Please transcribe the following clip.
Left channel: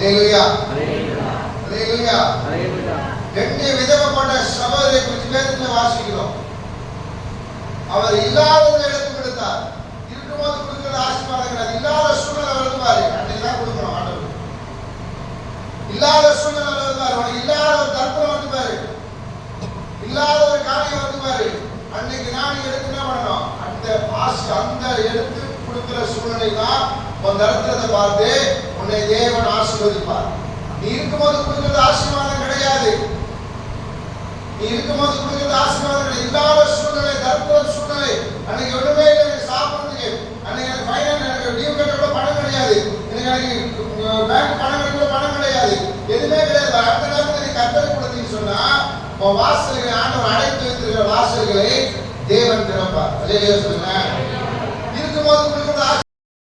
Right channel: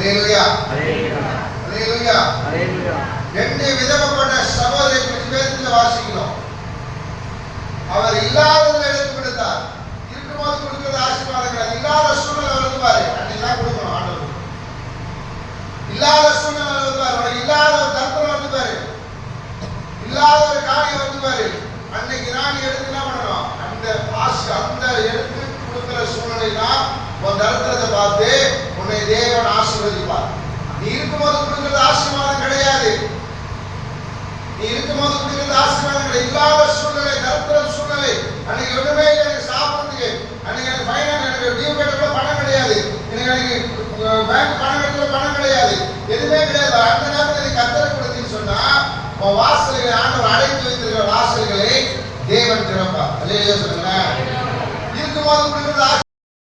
அல்லேலூயா அல்லேலூயா அல்லேலூயா. எண்ணி விதவப்பட்ட சபையை வேதத்தில் வாசிக்கிறோம். அவர் இல்லாததை எடுத்து கொடுத்தார். இருக்கும்போது கொடுக்கிறது ஆசீர்வாதங்கள். இல்லாத சூழ்நிலை வருவாரு அன்னைக்கு கொடுக்கணும் ஆண்டவர். இல்லாத சூழ்நிலை வருவாரு, உனக்கு இல்லாத ஒரு தர்ப்பணம் வந்துவாரு, இல்லாத ஒரு காரியம் வந்துவாரு. அன்னைக்கு நான் எடுத்து என்ன பண்ணணும்? அந்த எடுத்து கொடுக்கிற சூழ்நிலை தான் உன் தரத்தை பார்த்து உன்னை தேவன் ஆசீர்வதிப்பார். நீ இருக்கும்போது கொடுக்கிறது ஆசீர்வாதம் கிடையாது. நீ இருக்கும்போது கொடுக்கிறது ஆசீர்வாதம் கிடையாது. இல்லாத சூழ்நிலை, தரத்திர சூழ்நிலை, அன்னைக்கு ஒண்ணுமே இல்லை, எனக்கு சாப்பிடுறதுக்கு, அன்னைக்கு எனக்கு ஃபைனான்ஸ், எனக்கு டியூ கட்ட கூட பணம் கிடையாது, எனக்கு பேங்க் பணம் கட்ட பணம் கிடையாது, எதுவுமே கிடையாது. அந்த நேரத்தில் நீ கர்த்தரை கொடுத்தீங்கன்னு சொன்னா உன் வாசல்களை ஆண்டவர் அழைத்து வைத்திருக்கிற வாசல்களை தேவன் திறப்பார். அல்லேலூயா சொல்லுங்க. இருக்கும்போது கொடுக்கிறது